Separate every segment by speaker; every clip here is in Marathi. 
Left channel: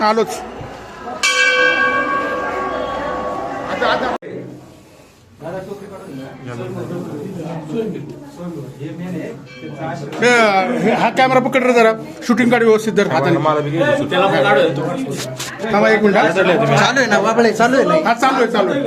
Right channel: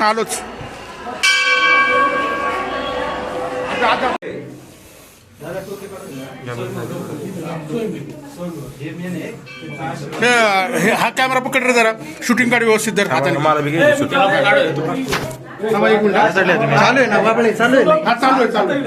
Speaker 1: आलोच. हे- हे- हा कॅमेरा पकड रे जरा. शूटिंग काढ व्यवस्थित धर. हाताने थांबा एक मिनिट हा.
Speaker 2: चालू आहे ना बाबळे चालू आहे ना.
Speaker 1: चालू आहे चालू आहे.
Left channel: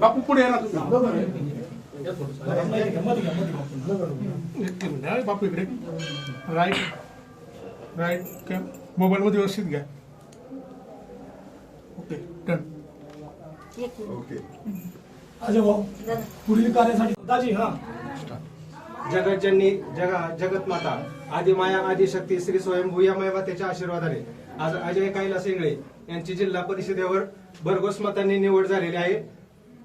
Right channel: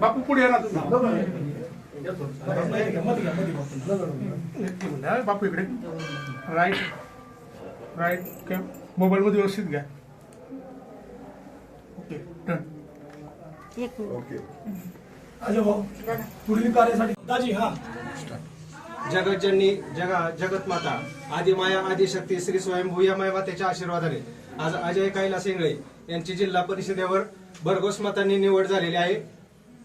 Speaker 1: बापू पुढे तुम्ही हा. बापू इकडे. राईट. राईट मोबाईल मध्ये व्यवस्थित घ्या ओके. Done
Speaker 3: minute.
Speaker 4: अजय भाऊ पुढील कार्यासाठी दाजी हा.
Speaker 5: जगतजननी जगा जगत माता आदिमाया आदिशक्ती श्री स्वयंभू या मातेच्या आशीर्वादाने. आज अजय कैलास इंगळे यांची जिल्हा परिषदेवर भरघोस मतांनी निवड झालेली आहे.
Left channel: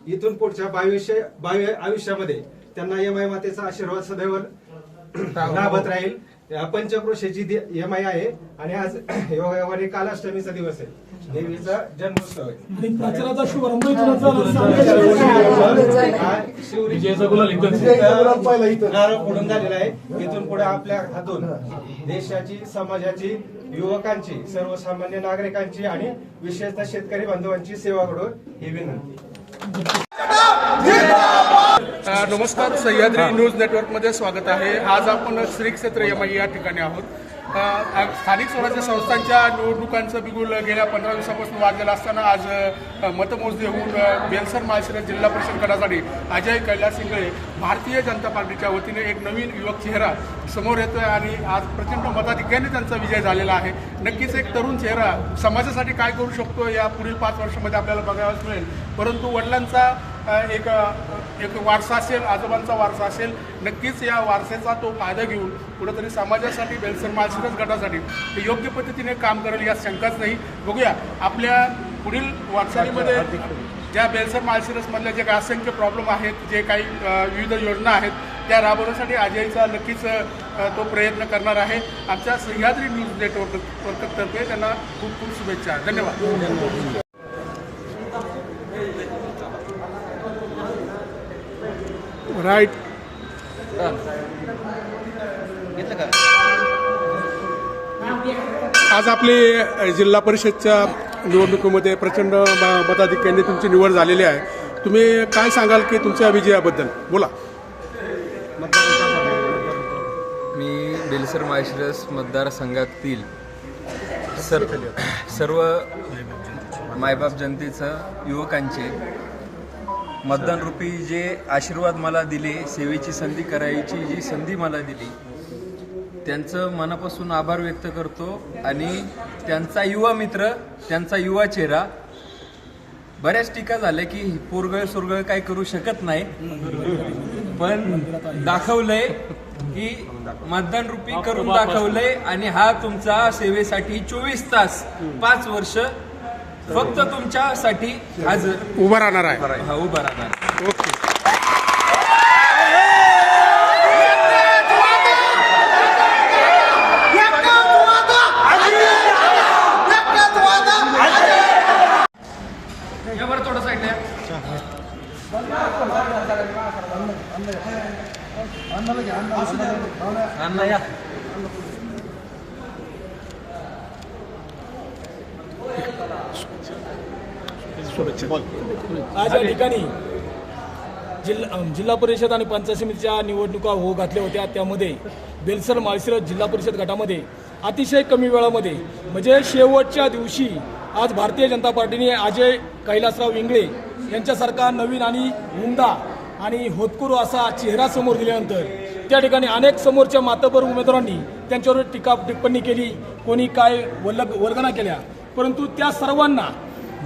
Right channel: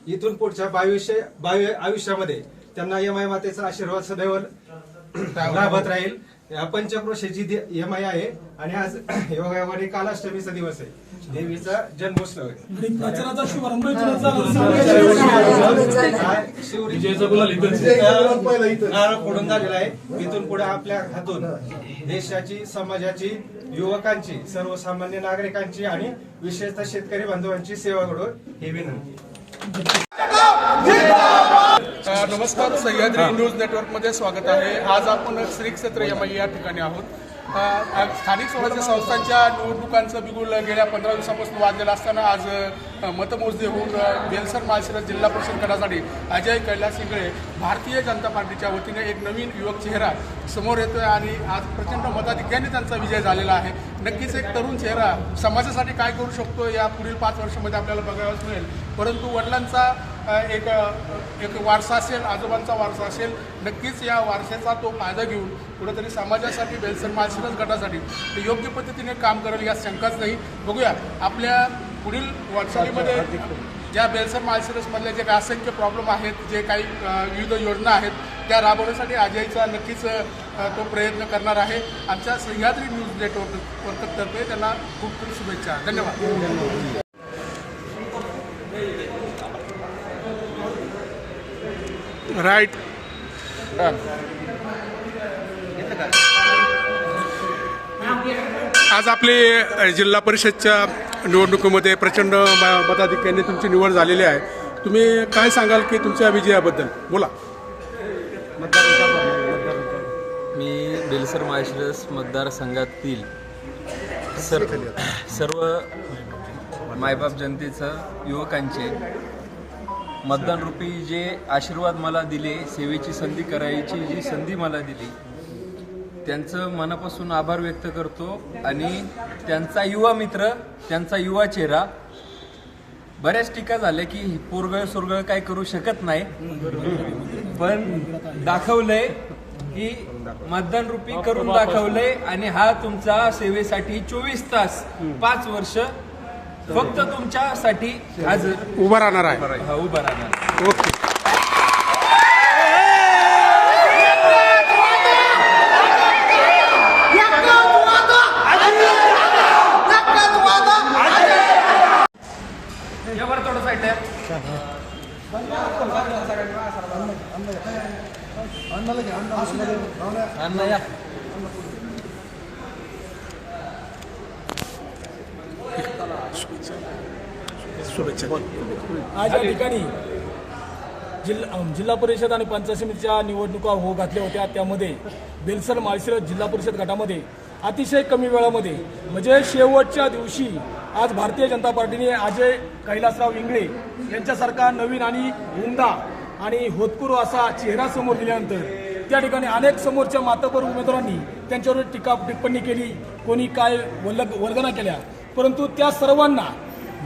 Speaker 5: इथून पुढच्या बावीसशे बावी आयुष्यामध्ये त्यांना यमाय मातेचा आशीर्वाद सदैव लाभत राहील. पंचक्रोशीची यमाई आहे. आणि आज योगायोगाने कालाष्टमीचा दिवस आहे. देवीचा जन्मोत्सव. आहे.
Speaker 4: प्रचाराचा शुभारंभ
Speaker 5: फोडून झालेला आहे. इथून पुढे आपल्या हातून देशाची समाजाची युवकांची सर्वसामान्य नागरिकांची आणि विशेषतः शेतकरी बांधवांची सेवा घडो ही विनंती.
Speaker 1: नमस्कार. सह्याद्री न्यूज नेटवर्कमध्ये स्वागत आहे. आज आपण श्री क्षेत्र यमाई या ठिकाणी आहोत. स्थानिक स्वराज्य संस्थांच्या निवडणुकांचं बिगुल गेल्या पंधरा दिवसापासून वाजलेलं असताना आज मतमोजणी होऊन बेलसर माळशिरस जिल्हा परिषद गटासाठी अजय कैलास इंगळे भारतीय जनता पार्टीच्या वतीने एक नवीन युवक चेहरा समोर येतोय आणि आज प्रचंड मताधिक्याने त्यांचा विजय झालेला आहे. नक्कीच एक तरुण चेहरा समाजासाठी काय करू शकतो या पुढील पाच वर्षामध्ये आपल्याला बघायलाच मिळेल. परंतु वडिलांचा एक एक वारसा असेल आजोबांचा वारसा असेल नक्कीच या वारसेचा तो फायदा घेऊन कुठेतरी समाजासाठी बेलसर माळशिरस गटासाठी योग्य पद्धतीने काम करेल यात शंकाच नाही. बघूया आपल्या पुढील वाटचालीमध्ये ज्या बेलसर माळशिरसमधल्या जे काही असंख्य प्रॉब्लेम आहेत जे काही विविध योजना आहेत त्या राबवण्यासाठी अजयचा नक्कीच तो प्रयत्न करणार आहे. आमच्या सह्याद्री न्यूज नेटवर्क वर्कतर्फे त्यांना खूप खूप शुभेच्छा. धन्यवाद. राईट. आज आपली जिल्हा परिषदच्या निवडणुकीमध्ये प्रचंड म- तुमची निवड झालेली आहे. तुम्ही काय सांगाल की तुमच्या विजयाबद्दल बोला.
Speaker 6: मी बेलसर माळशिरस मतदारसंघातील सर सर्व मायबाप जनतेचं युवकांचे मतदानरूपी जे आशीर्वाद मला दिले सेवेची संधी करायची जी संधी मला दिली त्यांचं मनापासून आभार व्यक्त करतो. आणि त्यांचा युवा मित्र त्यांचा युवा चेहरा बऱ्याच टीका झाल्या की पोरगळ सुरगळ काय करू शकत नाही. पण दाखवलंय की मतदान रूपी करून दाखवलंय. आणि हा तुमचा सेवेसाठी चोवीस तास पाच वर्ष फक्त तुमच्यासाठी हजर
Speaker 1: उभा राहणार आहे
Speaker 6: हा उभा राहणार
Speaker 1: ओके शुभेच्छा.
Speaker 4: आज या ठिकाणी जिल्हा जिल्हा परिषद आणि पंचायत समितीच्या निवडणुका हो घातल्या होत्या. त्यामध्ये बेलसर माळशिरस जिल्हा परिषद गटामध्ये अतिशय कमी वेळामध्ये म्हणजे शेवटच्या दिवशी आज भारतीय जनता पार्टीने अजय कैलासराव इंगळे यांच्यासारखा नवीन आणि उमदा आणि होतकुरू असा चेहरा समोर दिल्यानंतर त्या ठिकाणी अनेक समोरच्या मातबर उमेदवारांनी त्यांच्यावर टीका टिप्पणी केली. कोणी काय वल्ल वर्गना केल्या? परंतु त्या सर्वांना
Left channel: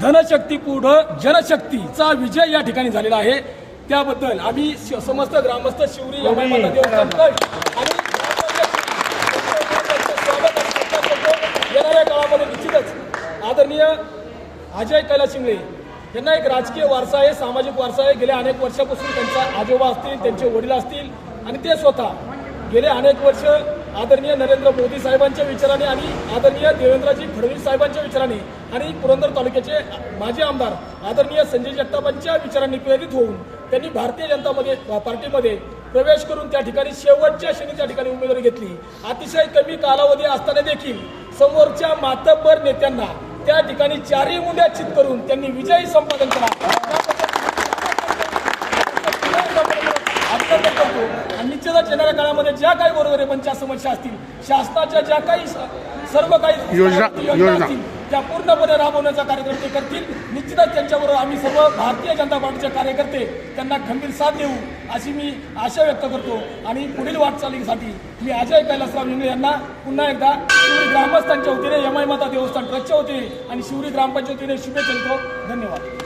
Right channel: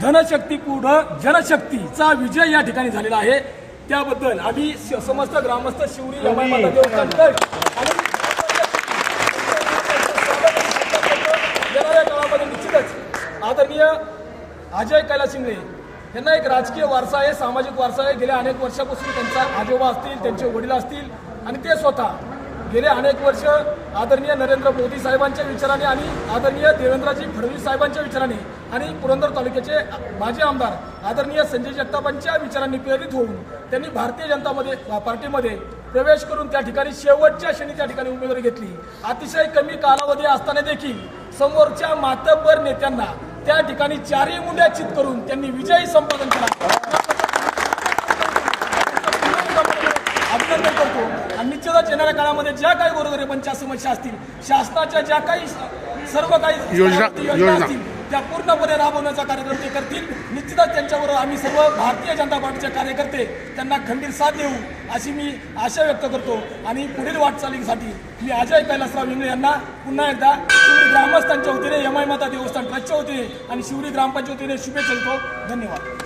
Speaker 4: धनशक्ती पुढं जनशक्तीचा विजय या ठिकाणी झालेला आहे. त्याबद्दल आम्ही समस्त ग्रामस्थ शिवरी येणाऱ्या काळामध्ये निश्चितच आदरणीय अजय कैलास शिंगळे यांना एक राजकीय वारसा आहे सामाजिक वारसा आहे. गेल्या अनेक वर्षापासून त्यांचा आजोबा असतील त्यांचे वडील असतील आणि ते स्वतः गेले अनेक वर्ष आदरणीय नरेंद्र मोदी साहेबांच्या विचाराने आणि आदरणीय देवेंद्रजी फडणवीस साहेबांच्या विचाराने आणि पुरंदर तालुक्याचे माजी आमदार आदरणीय संजय जगतापांच्या विचारांनी प्रेरित होऊन त्यांनी भारतीय जनतामध्ये पार्टीमध्ये प्रवेश करून त्या ठिकाणी शेवटच्या क्षणी त्या ठिकाणी उमेदवारी घेतली. अतिशय कमी कालावधी असताना देखील समोरच्या मातब्बर नेत्यांना त्या ठिकाणी चारही मुंड्या चित करून त्यांनी विजयी संपादन केला. आणि निश्चितच येणाऱ्या काळामध्ये ज्या काही गोरगरिबांच्या समस्या असतील शासनाच्या ज्या काही सर्व काही
Speaker 1: योजना-.
Speaker 4: असतील त्या पूर्णपणे राबवण्याचा कार्यक्रम ते करतील. निश्चितच त्यांच्याबरोबर आम्ही सर्व भारतीय जनता पार्टीचे कार्यकर्ते त्यांना खंबीर साथ देऊ अशी मी आशा व्यक्त करतो. आणि पुढील वाटचालीसाठी मी अजय कैलासराव इंगळे यांना पुन्हा एकदा शिवरी ग्रामस्थांच्या वतीने यमाई माता देवस्थान ट्रस्टच्या वतीने आणि शिवरी ग्रामपंचायत वतीने शुभेच्छा देतो. धन्यवाद.